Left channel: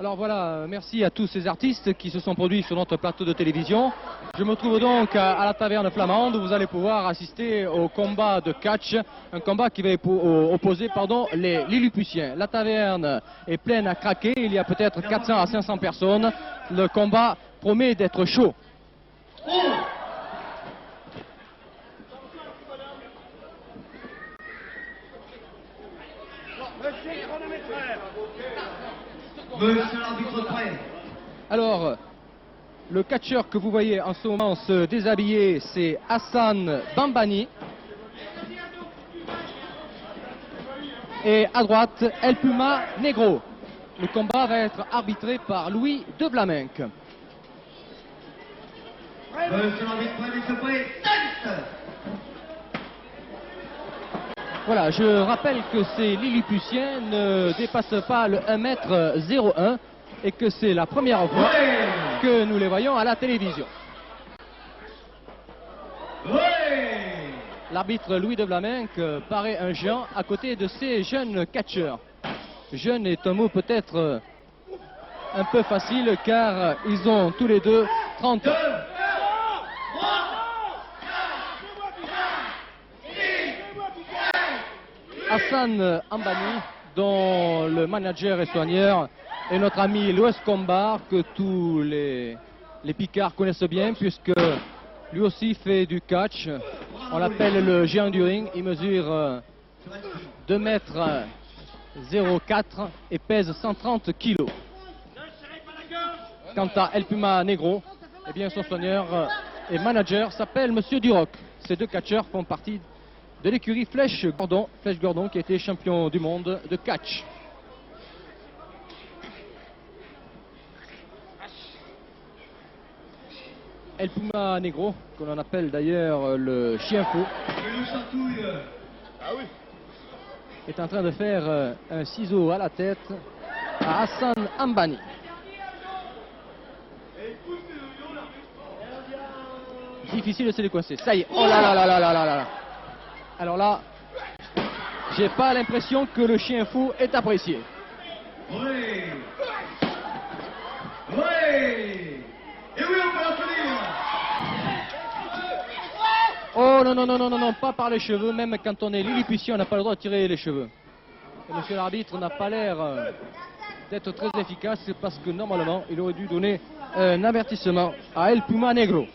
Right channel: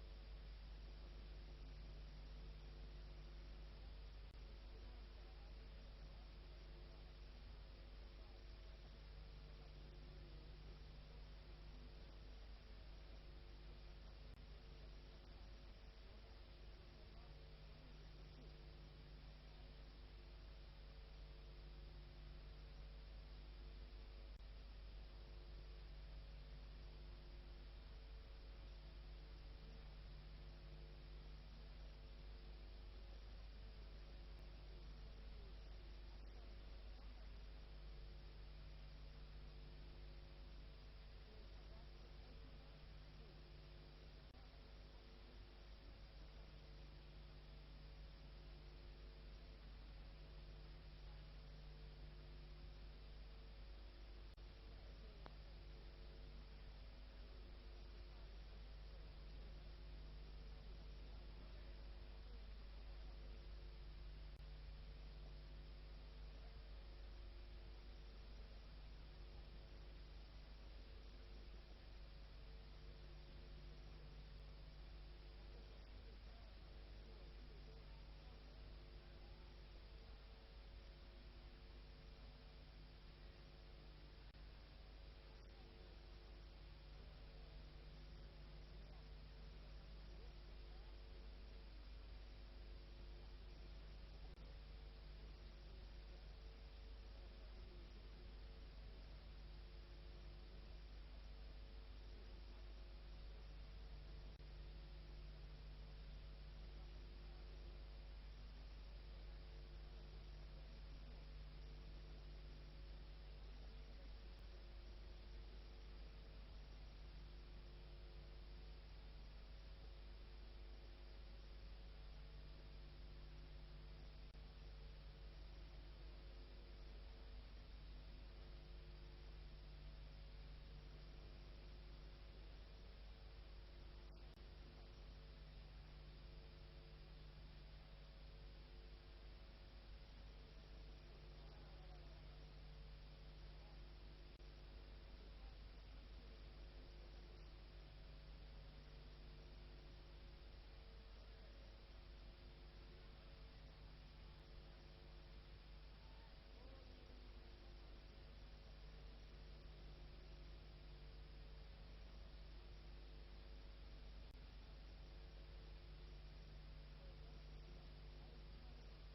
Alors voilà, merci à tous ces artistes qui se sont produits sur notre plateau de télévision. Je me trouve donc à la taverne flamande où vous allez pouvoir assister au combat de catch, un combat qui va opposer les Lilliputiens. La taverne est pleine à craquer, il y a peut-être 400 à 500 personnes. Le combat promet d'être chaud. Monsieur l'arbitre prêt. Alors, le catcheur que vous voyez en ce moment se déshabiller, c'est Hassan Bambani. Et à droite, El Puma Negro. Le combat va être arbitré par Louis de Vlaminck. Monsieur l'arbitre prêt, monsieur prêt. Tête. Voilà, je rappelle que ces Lilliputiens ne dépassent pas le 1m01 et que c'est la première fois que nous les voyons à la télévision. L'arbitre Louis de Vlaminck paraît un géant à côté de ces jeunes catcheurs. Jeune est un mot peut-être un peu facile car ils ont tous les deux 30 ans. Hassan Ambani, dont le manager et soigneur est notre ami Louis Combar, que tous les Picards connaissent bien, puisque lui aussi fait du catch. On l'appelle le géant du ring. Il mesure 2 mètres 04 et pèse 130 kilos. Quant à El Puma Negro, eh bien son soigneur et manager s'appelle Monsieur Duroc. Ces deux catcheurs font partie de l'écurie Flèche Gordon qui a été champion du monde de catch. El Puma Negro, que l'on appelle d'ailleurs le chien fou, est en train de faire un ciseau à la tête à Hassan Ambani. Difficile de se décoincer. Ça y est. Oh là là là là là là là. Alors là, j'ai pas l'impression que le chien fou est apprécié. Oui. Oui. Et oui, on peut l'applaudir. Oh non, non, non, non, non, non, pas par les cheveux. Même quand on est Lilliputien, on n'a pas le droit de tirer les cheveux. Et monsieur l'arbitre n'a pas l'air d'être très efficace parce que normalement, il aurait dû donner un avertissement à El Puma Negro.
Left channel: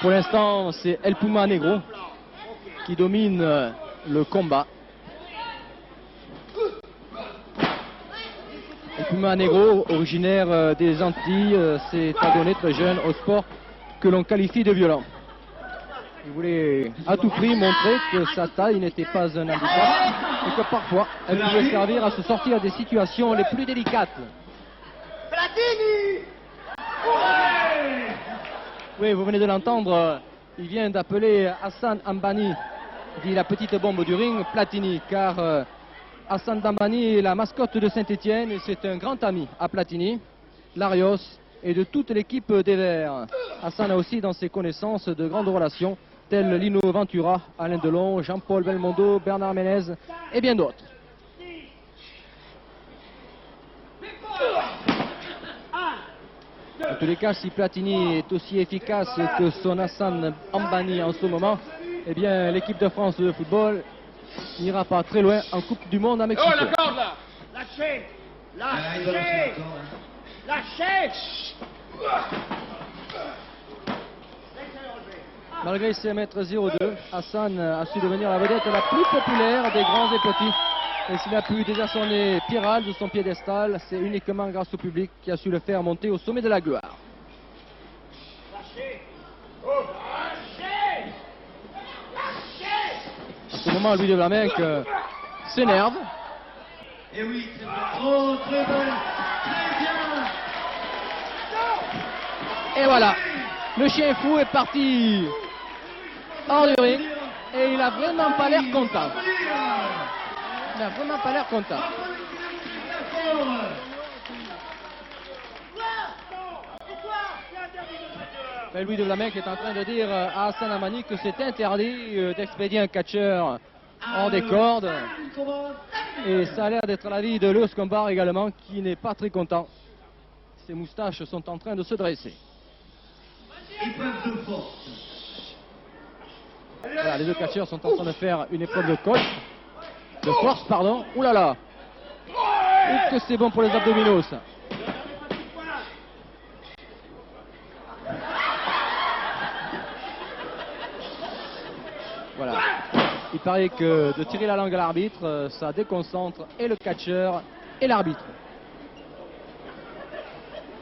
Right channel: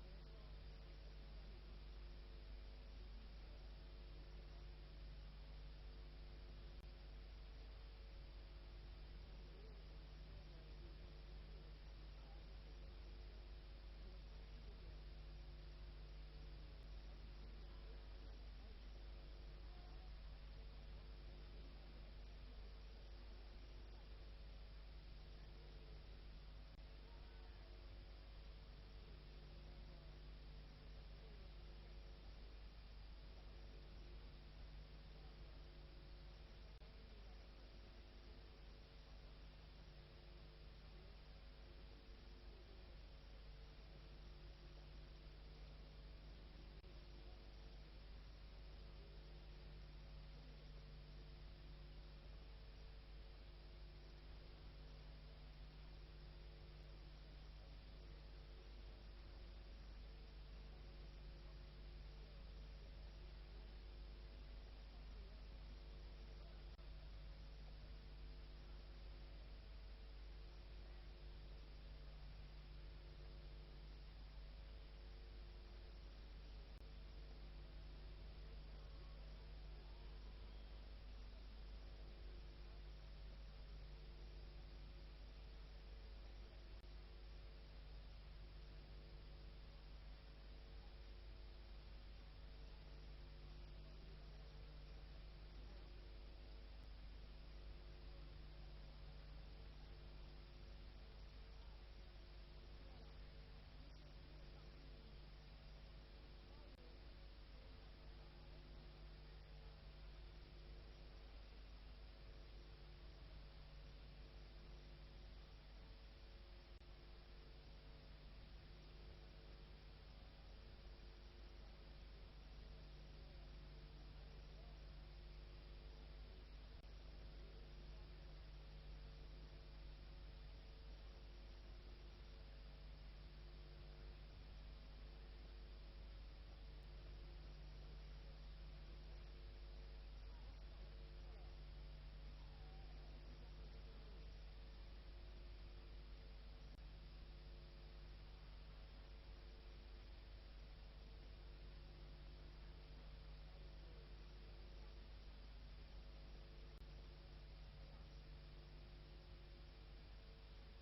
Pour l'instant, c'est El Puma Negro qui domine le combat. El Puma Negro, originaire des Antilles, s'est adonné très jeune au sport que l'on qualifie de violent. Il voulait à tout prix montrer que sa taille n'était pas un handicap et que parfois elle pouvait servir à se sortir des situations les plus délicates. Platini. Oui, vous venez de l'entendre, il vient d'appeler Hassan Ambani, dit la petite bombe du ring, Platini, car Hassan Ambani est la mascotte de Saint-Étienne et c'est un grand ami à Platini, Larios et de toute l'équipe des Verts. Hassan a aussi dans ses connaissances de grandes relations, telles Lino Ventura, Alain Delon, Jean-Paul Belmondo, Bernard Ménez et bien d'autres. En tous les cas, si Platini est aussi efficace que son Hassan Ambani en ce moment, eh bien l'équipe de France de football n'ira pas très loin en Coupe du Monde à Mexico. Oh, la corde là! Lâchez! Lâchez! Lâchez! Malgré ses mètres 02, Hassan a su devenir la vedette la plus populaire des grands et petits. Et s'il a pu désarçonner Piral de son piédestal, c'est uniquement grâce au public qui a su le faire monter au sommet de la gloire. En ce moment, Louis de Vlaminck s'énerve. Et oui, très bien. Oh, très bon. Très bien. Et voilà, le chien fou est parti hors du ring et il a vraiment pas l'air content. Il n'a vraiment pas l'air content. Mais Louis de Vlaminck est en train de dire à Hassan Ambani que c'est interdit d'expédier un catcheur hors des cordes. Et ça a l'air d'être l'avis de Lurs Combar également, qui n'est pas très content. Ses moustaches sont en train de se dresser. Voilà, les deux catcheurs sont en train de faire une épreuve de coach. De force, pardon. Ouh là là. Ouh, que c'est bon pour les abdominaux, ça. Voilà. Il paraît que de tirer la langue à l'arbitre, ça déconcentre et le catcheur et l'arbitre.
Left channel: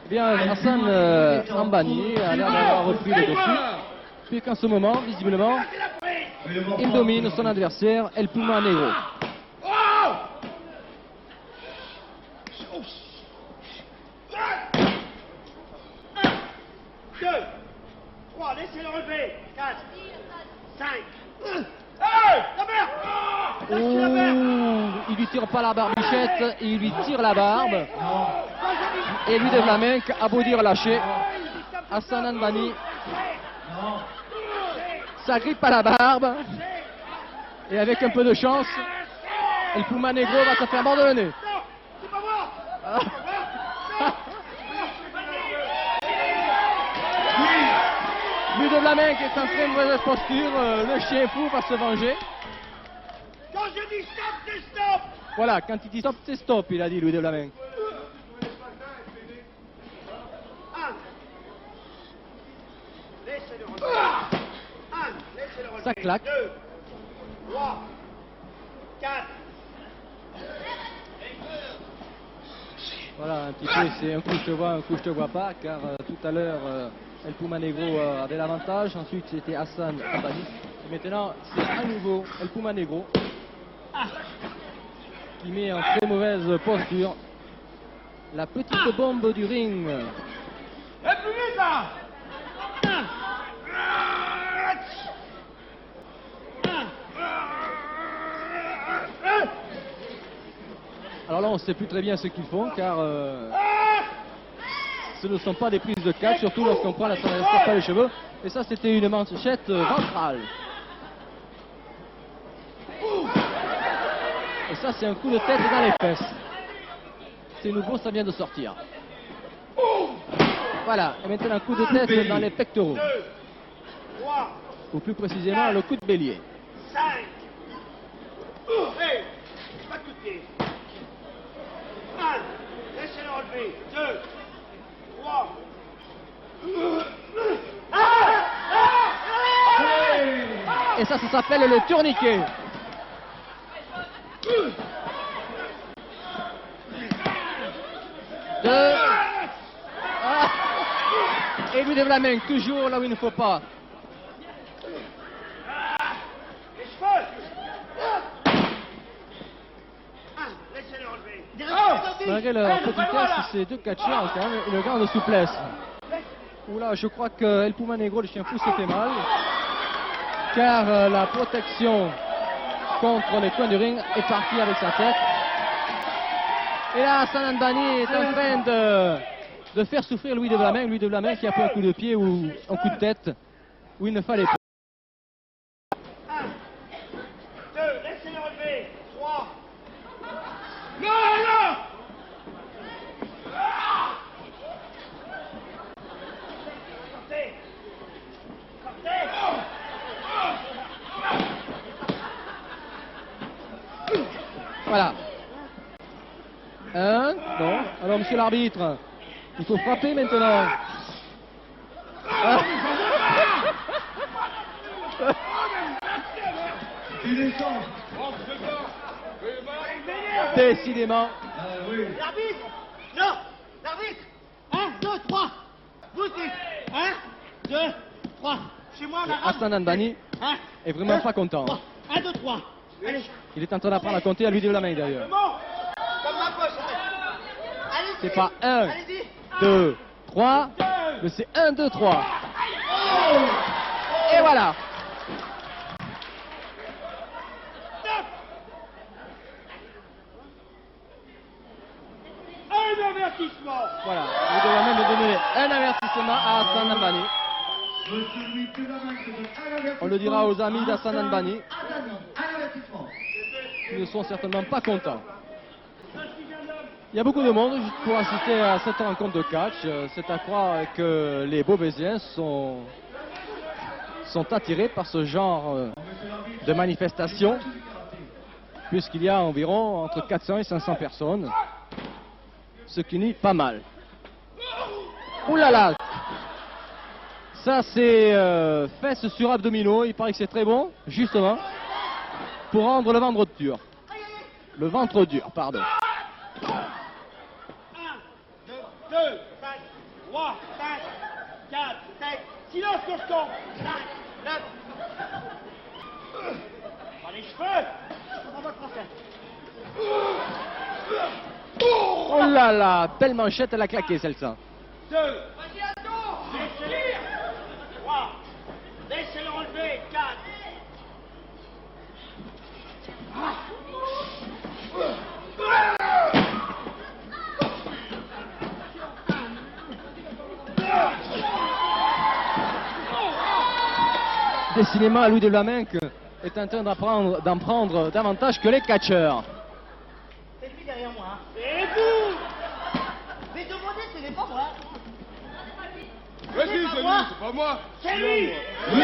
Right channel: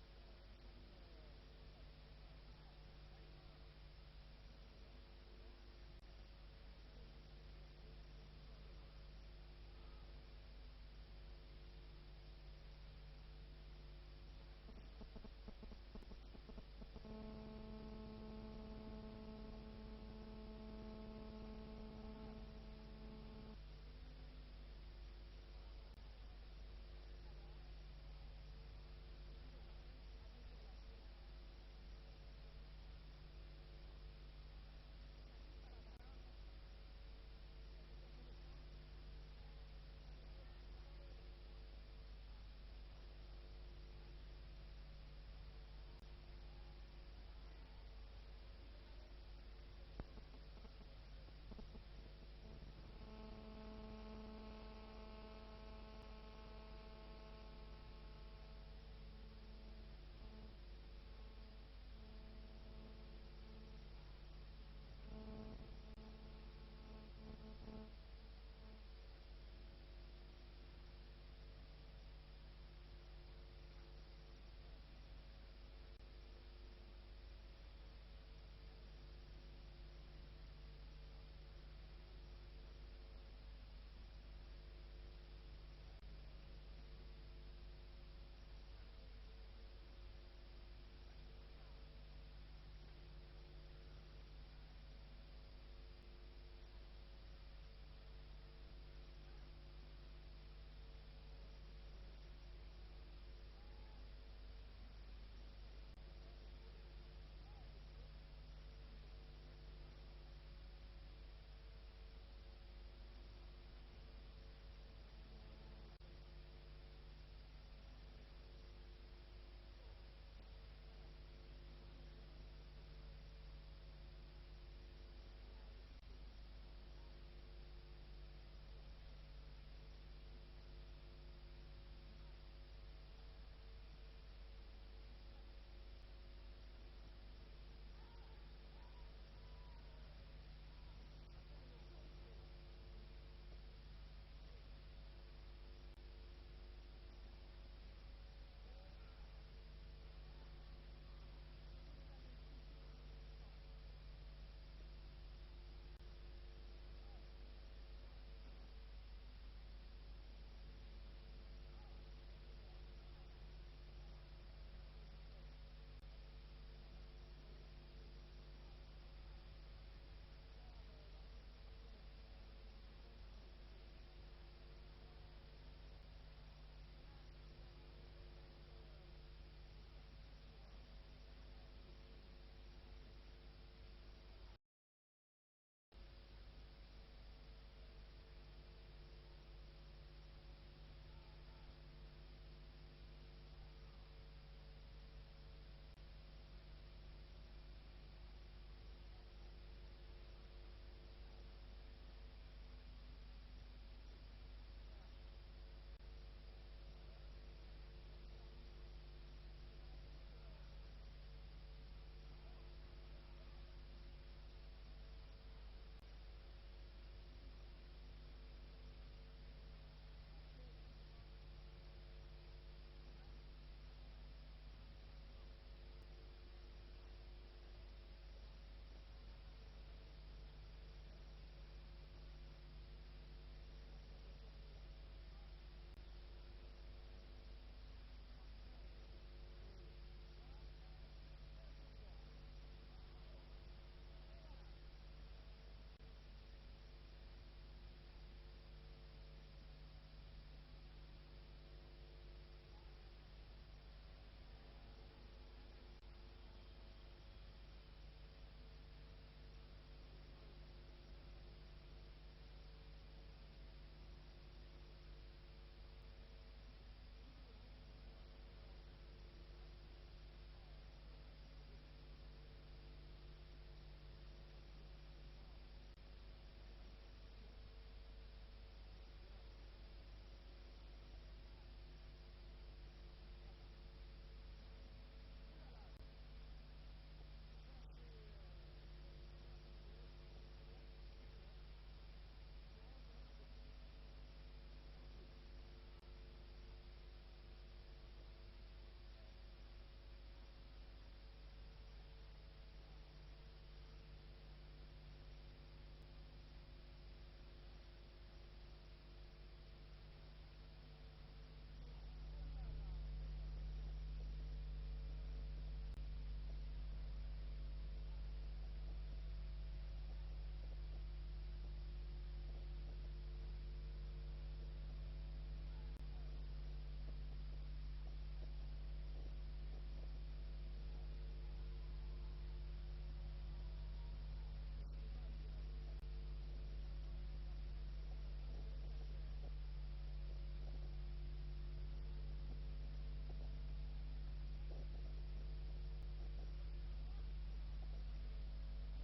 Eh bien, Hassan Ambani a l'air d'avoir repris le dessus, puisqu'en ce moment, visiblement, il domine son adversaire, El Puma Negro. Laissez-le relever. 4, 5. Il lui tire pas la barbichette, il lui tire la barbe. Et Louis de Vlaminck a beau dire lâcher. Hassan Ambani s'agrippe à la barbe. Et avec un peu de chance, El Puma Negro va se faire mordre le nez. Louis de Vlaminck est en très mauvaise posture, le chien fou va se venger. Quand je dis stop, c'est stop. Voilà, quand il dit stop, c'est stop, il a dit Louis de Vlaminck. Laissez-le relever. Laissez-le relever. Ça claque. 2, 3, 4. Voilà, un petit peu, c'est un coup je te vois, un coup je te vois pas, car tout à l'heure, El Puma Negro avait l'avantage, ensuite c'était Hassan Ambani, et maintenant c'est à nouveau El Puma Negro qui met en très mauvaise posture la petite bombe du ring. Et plus vite là. Alors là, on ne sait plus très bien ce qu'ils font, car ce ne sont pas des prises de catch, surtout lorsqu'on prend la traversée par les cheveux. Et ça, c'était une manchette ventrale. Et ça, c'est un coup de tête dans les fesses. C'est nouveau, ça vient de sortir. Voilà, et maintenant un coup de tête dans les pectoraux. 2, 3, Ou plus précisément, le coup de bélier. 5. Hey, pas de pied. 1. Laissez-le relever. 2, 3. Et ça s'appelle le tourniquet. Deux. Ah. Et Louis de Vlaminck, toujours là où il ne faut pas. Les cheveux. 1. Laissez-le relever. Malgré leur petitesse, ces deux catcheurs ont quand même une grande souplesse. Oula, je crois que El Puma Negro, le chien fou, se fait mal. Car la protection contre les coins du ring est partie avec sa tête. Et là, Hassan Ambani est en train de faire souffrir Louis de Vlaminck. Louis de Vlaminck qui a pris un coup de pied ou un coup de tête où il ne fallait pas. 1. 2. Laissez-le relever. 3. Non. Sortez. Voilà. Un, non. Alors, monsieur l'arbitre, il faut frapper maintenant. Ah. Décidément. L'arbitre. Non. L'arbitre. 1, 2, 3. Vous dites. 1, 2, 3. Chez moi, on a Hassan Ambani est vraiment pas content. 1, 2, 3. Allez. Il est en train d'apprendre à compter à Louis de Vlaminck d'ailleurs. Comme ma poche. Allez-y. C'est pas 1, Allez-y. 2, 3, mais c'est 1, 2, 3. Et voilà. Un avertissement. Voilà. Il doit même donner un avertissement à Hassan Ambani. On le dira aux amis d'Hassan Anbani. Ils ne sont certainement pas contents. Il y a beaucoup de monde pour assister à cette rencontre de catch. C'est à croire que les Beauvaisiens sont attirés par ce genre de manifestation, puisqu'il y a environ entre 400 et 500 personnes, ce qui nuit pas mal. Ouh là là! Ça c'est fesses sur abdominaux, il paraît que c'est très bon, justement, pour rendre le ventre dur. Le ventre dur, pardon. 1, 2, 5, 3, 5, 4, 5. Silence, cochon. 5, 9. Dans les cheveux. On va français. Oh là là, belle manchette, elle a claqué celle-ci. 2. Laissez-le. 3. Laissez-le relever. 4. Décidément, Louis de Vlaminck est en train d'en prendre davantage que les catcheurs. C'est lui derrière moi. Hein. C'est vous. Mais demandez, ce n'est pas moi. Vas-y, c'est lui, c'est pas moi. C'est lui. Oui. Non.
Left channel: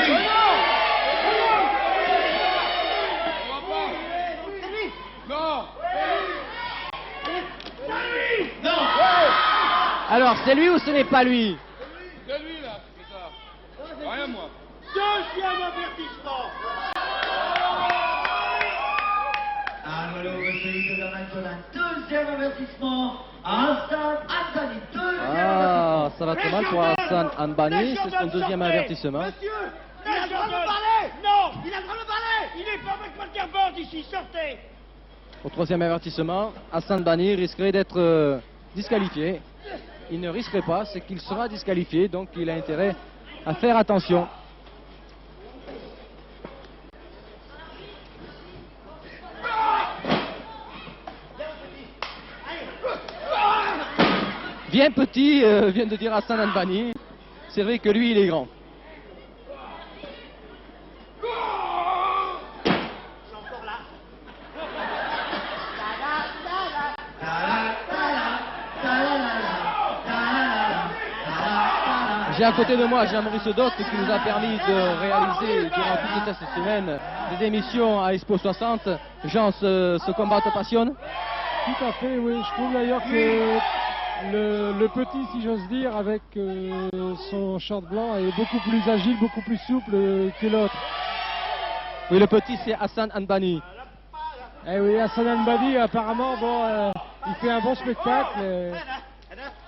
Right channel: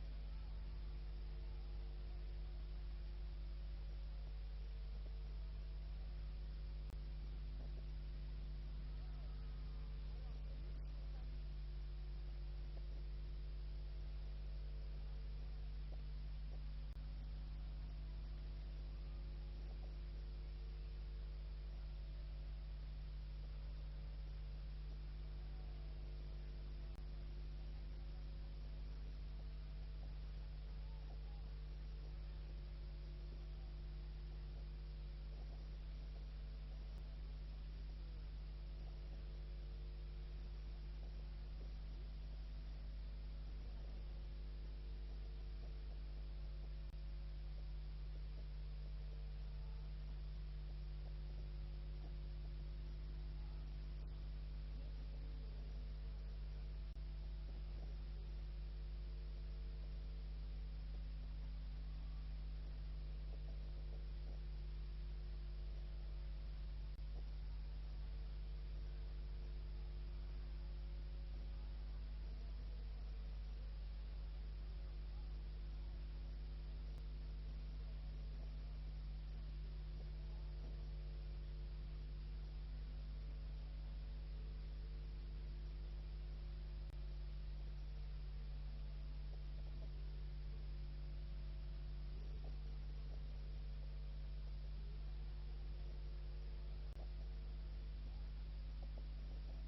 On va pas. C'est lui. Non. Non. Alors, c'est lui ou ce n'est pas lui? C'est lui là, c'est ça. Rien moi. Deuxième avertissement. Deuxième avertissement. Hassan Anbani. Ah, ça va très mal pour Hassan Anbani, c'est son deuxième avertissement. Monsieur, il a le droit de parler. Non, il a le droit de parler. Il n'est pas avec Walterband ici, sortez. Au troisième avertissement, Hassan Anbani risquerait d'être disqualifié. Il ne risquerait pas, c'est qu'il sera disqualifié, donc il a intérêt à faire attention. Viens petit, vient de dire Hassan Anbani. C'est vrai que lui, il est grand. C'est encore là. J'ai à côté de moi Jean-Maurice Doc qui nous a permis de réaliser durant toute cette semaine des émissions à Expo 60. Jean, ce combat te passionne? Tout à fait, oui. Je trouve d'ailleurs que le petit, si j'ose dire, avec son short blanc, est beaucoup plus agile, beaucoup plus souple que l'autre. Oui, le petit, c'est Hassan Anbani. Eh oui, Hassan Anbani, apparemment, bon, il fait un bon spectacle.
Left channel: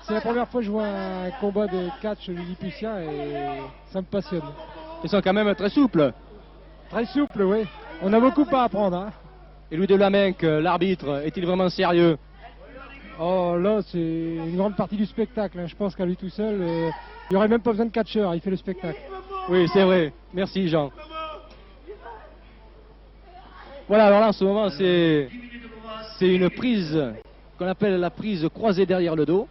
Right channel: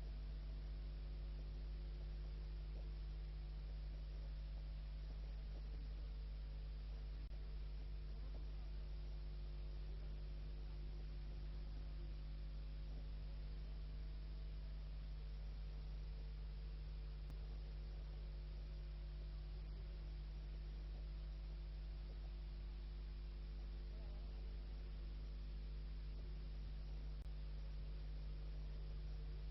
C'est la première fois que je vois un combat de catch lilliputien et ça me passionne. Ils sont quand même très souples. Très souple, oui. On a beaucoup à apprendre. Hein. Et Louis de Vlaminck, l'arbitre, est-il vraiment sérieux? Oh là, c'est une grande partie du spectacle. Hein. Je pense qu'à lui tout seul, il n'y aurait même pas besoin de catcheur, il fait le spectacle. Oui, c'est vrai. Merci, Jean. Voilà, alors là, en ce moment, c'est une prise qu'on appelle la prise croisée derrière le dos.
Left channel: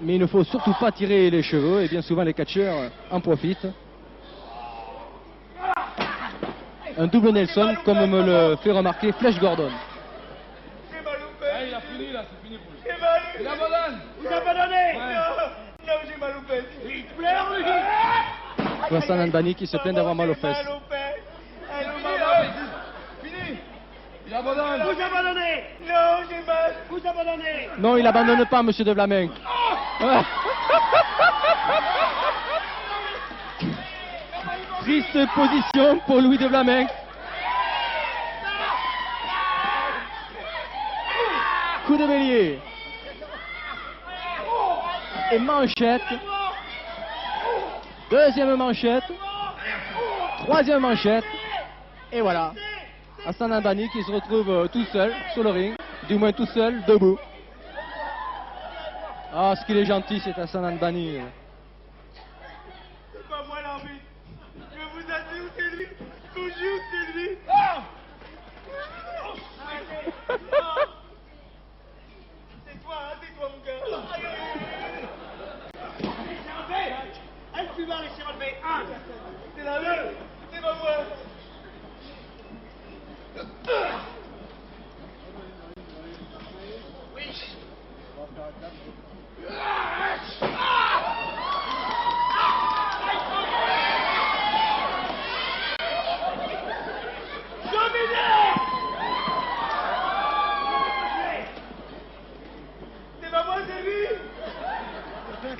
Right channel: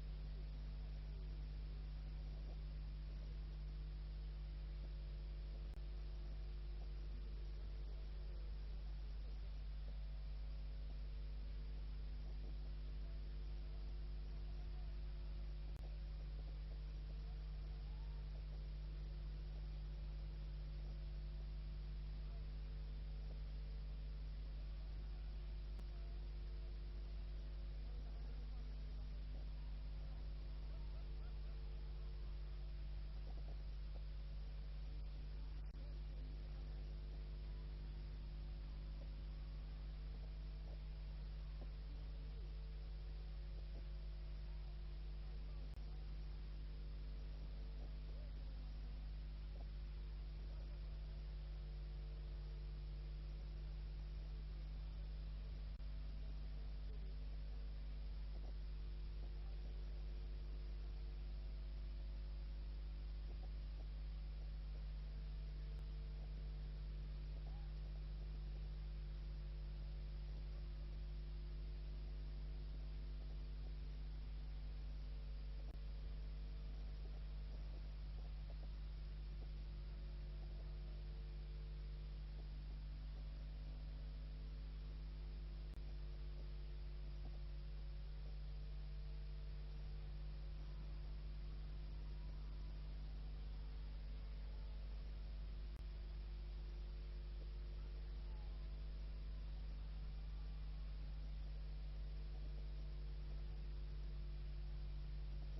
Mais il ne faut surtout pas tirer les cheveux, et bien souvent les catcheurs en profitent. Un double Nelson, comme me le fait remarquer Flèche Gordon. J'ai mal au Ah, père. il a fini là, c'est fini pour lui. J'ai mal. Il abandonne. Vous abandonnez. Ouais. Non, j'ai mal au père. Il pleure, lui. Hassan Anbani qui se plaint d'avoir mal aux fesses. Mal au père. Allô, Fini, maman. là, fini. Il abandonne. Vous abandonnez. Non, j'ai mal. Vous abandonnez. Non, il abandonne pas, monsieur de Vlaminck. Ouais. Triste position pour Louis de Vlaminck. Coup de bélier. Et manchette. Deuxième manchette. Troisième manchette. Et voilà. Hassan Anbani qui se retrouve tout seul sur le ring. Du moins tout seul, debout. Ah, ce qu'il est gentil, cet Hassan Anbani. C'est pas moi l'arbitre. Je vous assure que c'est lui. Je vous jure que c'est lui. C'est toi, hein, c'est toi, mon gars.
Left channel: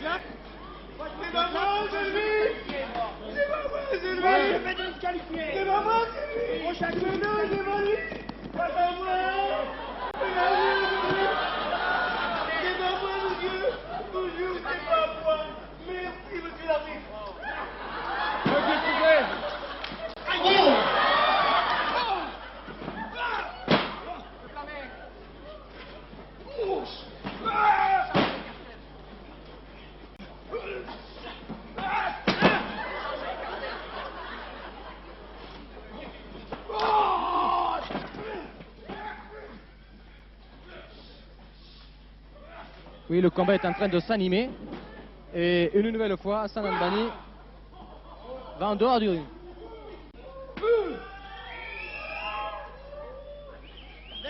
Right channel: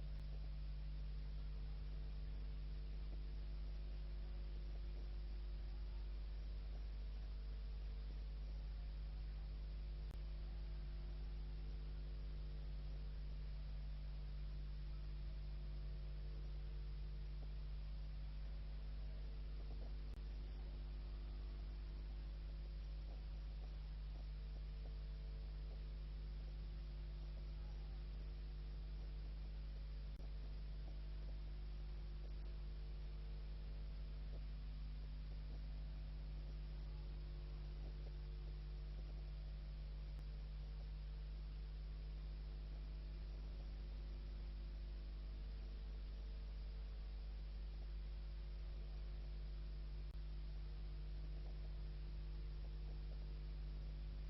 C'est pas moi, c'est lui. C'est pas moi, c'est lui. Je vais te disqualifier. C'est pas moi, c'est lui. Prochain coup. Non, c'est pas lui. C'est pas moi. C'est pas lui. C'est pas moi, monsieur. Bonjour, c'est pas moi. Merci, monsieur l'arbitre. Oui, le combat est en train de s'animer. Et une nouvelle fois, Hassan Al-Banni va en dehors du ring.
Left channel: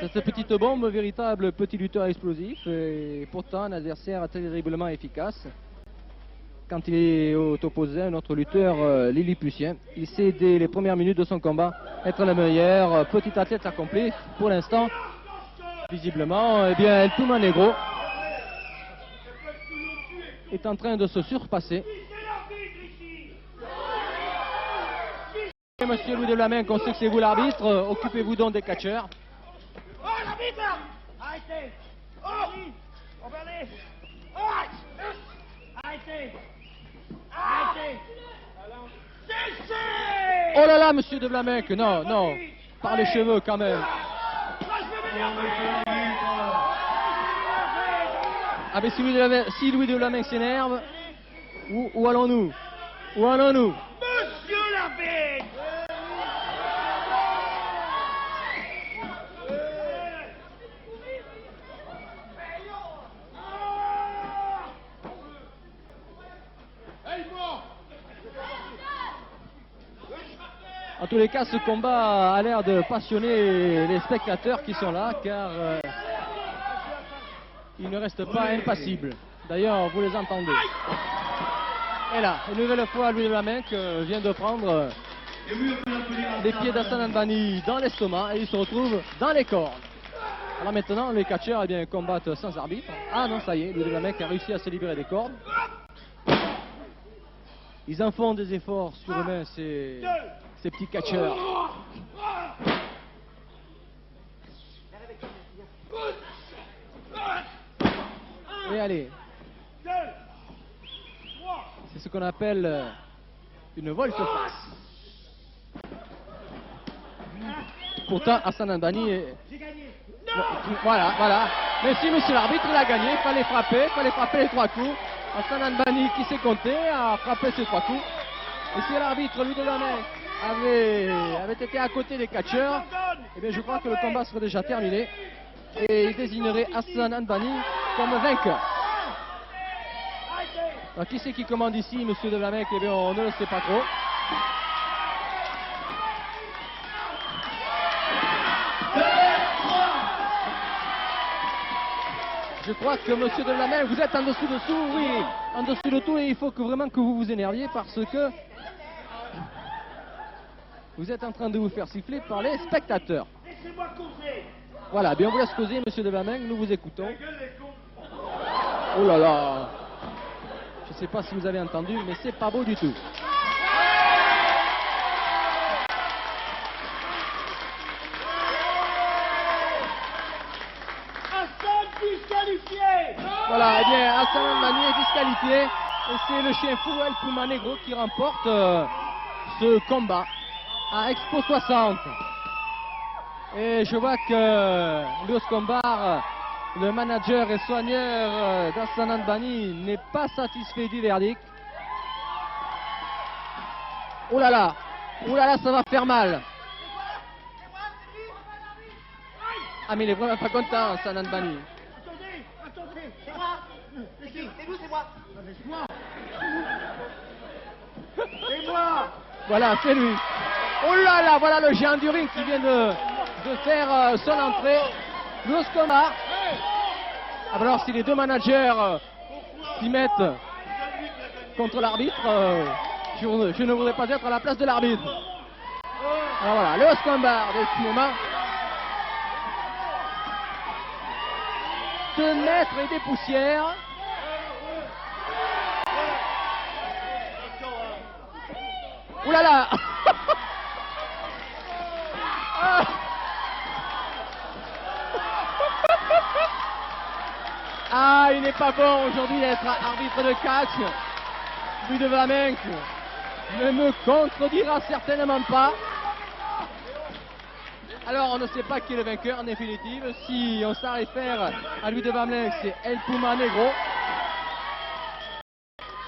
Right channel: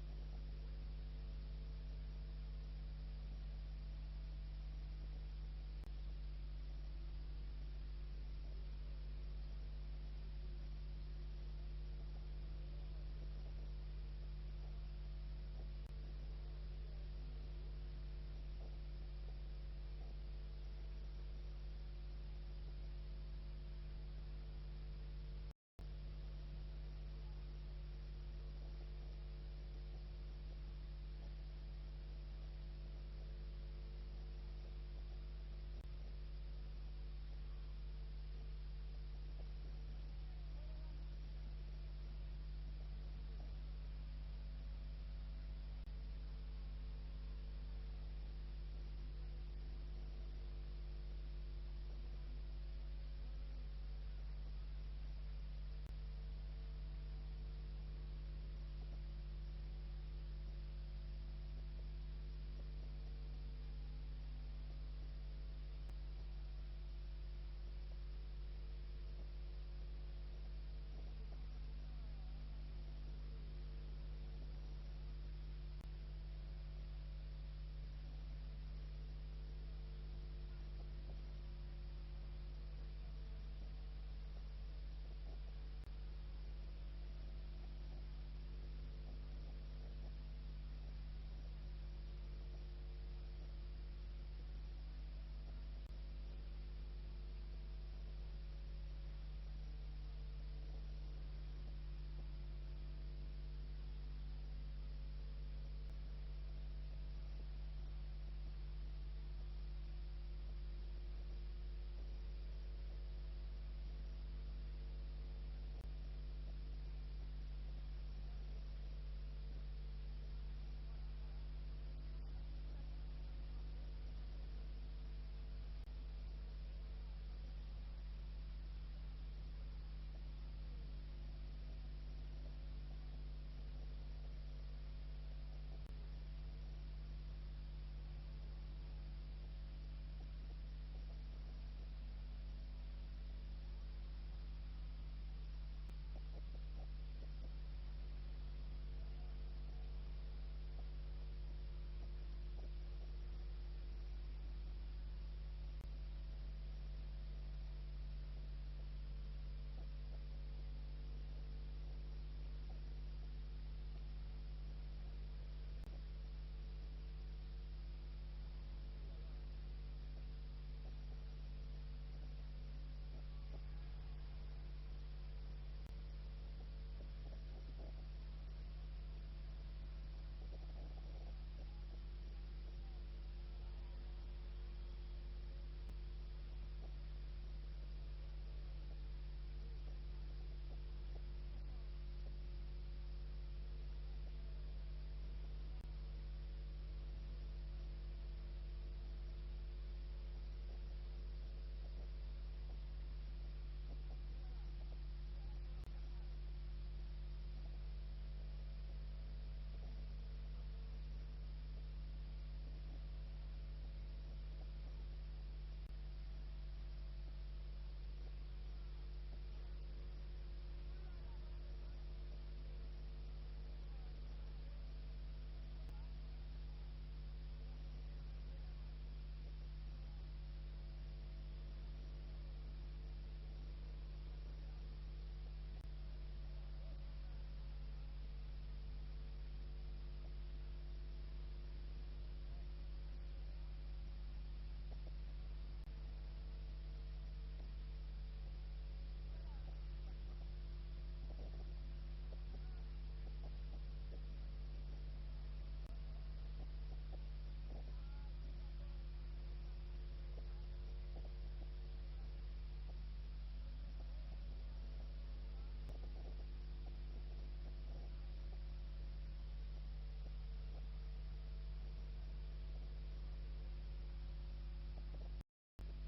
Cette petite bombe, véritable petit lutteur explosif, et pourtant un adversaire terriblement efficace. Quand il est opposé à un autre lutteur lilliputien, il sait dès les premières minutes de son combat être le meilleur. Petit athlète accompli pour l'instant. Visiblement, eh bien, El Puma Negro est en train de se surpasser. Monsieur Louis de Vlaminck, on sait que c'est vous l'arbitre, occupez-vous donc des catcheurs. Oh, l'arbitre! Arrêtez! Oh! Regardez! Oh! Arrêtez! Arrêtez! Cessez! Oh là là, monsieur de Vlaminck, non, non, par les cheveux quand même. Ah mais si Louis de Vlaminck s'énerve, où allons-nous? Où allons-nous? Monsieur l'arbitre! En tous les cas, ce combat a l'air de passionner les spectateurs qui sont là, car ils ne restent pas impassibles. D'ailleurs, vous les entendez. Et là, une nouvelle fois, Louis de Vlaminck vient de prendre les pieds d'Hassan Al-Banni dans l'estomac et il se retrouve dans les cordes. Alors maintenant, les catcheurs combattent sans arbitre. Ah non, ça y est, Louis de Vlaminck a réussi à se libérer des cordes. Ils en font des efforts surhumains, ces petits catcheurs. Et allez. C'est ce qu'on appelle une volte-face. Pourtant, Hassan Al-Banni est... Voilà. Mais si monsieur l'arbitre, il a gagné, il fallait frapper les 3 coups. Hassan Al-Banni, qui s'est compté, a frappé ces 3 coups. Et si l'arbitre, Louis de Vlaminck, avait été à côté des catcheurs, eh bien je crois que le combat serait déjà terminé. Et il désignerait Hassan Al-Banni comme vainqueur. Alors, qui c'est qui commande ici, monsieur de Vlaminck? Eh bien, on ne le sait pas trop. Je crois que monsieur de Vlaminck, vous êtes en dessous, oui, en dessous de tout, et il faut vraiment que vous vous énerviez parce que vous êtes en train de vous faire siffler par les spectateurs. Laissez-moi causer! Voilà, bien on vous laisse causer, monsieur de Vlaminck, nous vous écoutons. Oh là là, je ne sais pas si vous avez entendu, mais c'est pas beau du tout. Hassan disqualifié! Voilà, eh bien Hassan Al-Banni est disqualifié et c'est le chien fou El Puma Negro qui remporte ce combat à Expo 60. Et je vois que Louis Combar, le manager et soigneur d'Hassan Al-Banni, n'est pas satisfait du verdict. Oh là là, ça va faire mal. Ah mais il est vraiment pas content, Hassan Al-Banni. Attendez, c'est moi! C'est qui? C'est nous, c'est moi! C'est moi! Voilà, c'est lui. Oh là là, voilà le géant du ring qui vient de faire son entrée. Louis Combar. Alors si les deux managers s'y mettent contre l'arbitre, je ne voudrais pas être à la place de l'arbitre. Alors voilà, Louis Combar de cinéma. 2 mètres et des poussières. pas bon aujourd'hui d'être arbitre de catch. Louis de Vlaminck ne me contredira certainement pas. Alors on ne sait pas qui est le vainqueur en définitive. Si on s'en réfère à Louis de Vlaminck, c'est El Puma Negro.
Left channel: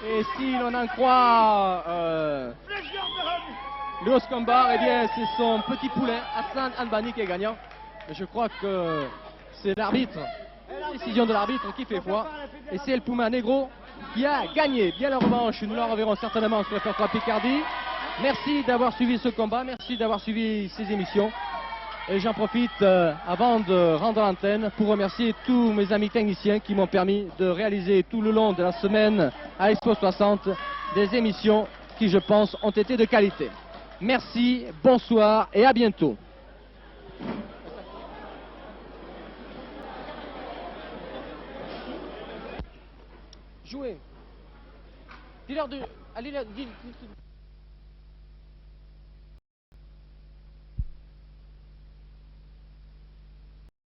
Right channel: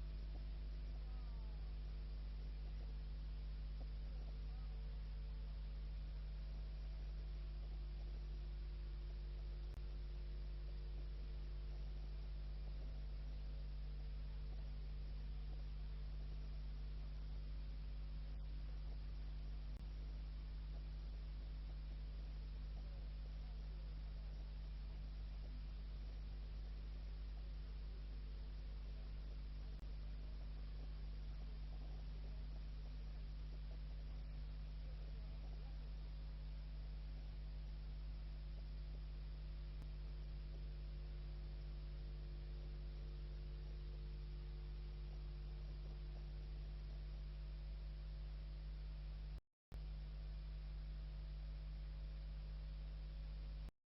Et si l'on en croit Léos Combar, eh bien c'est son petit poulet, Hassan Anbani, qui est gagnant. Et je crois que c'est l'arbitre, la décision de l'arbitre qui fait foi. Et c'est El Puma Negro qui a gagné. Bien la revanche, nous la reverrons certainement sur FR3 Picardie. Merci d'avoir suivi ce combat, merci d'avoir suivi ces émissions. Et j'en profite avant de rendre l'antenne pour remercier tous mes amis techniciens qui m'ont permis de réaliser tout le long de la semaine à Expo 60 des émissions qui, je pense, ont été de qualité. Merci, bonsoir et à bientôt. Jouez. Dis-leur de... Allez, dis...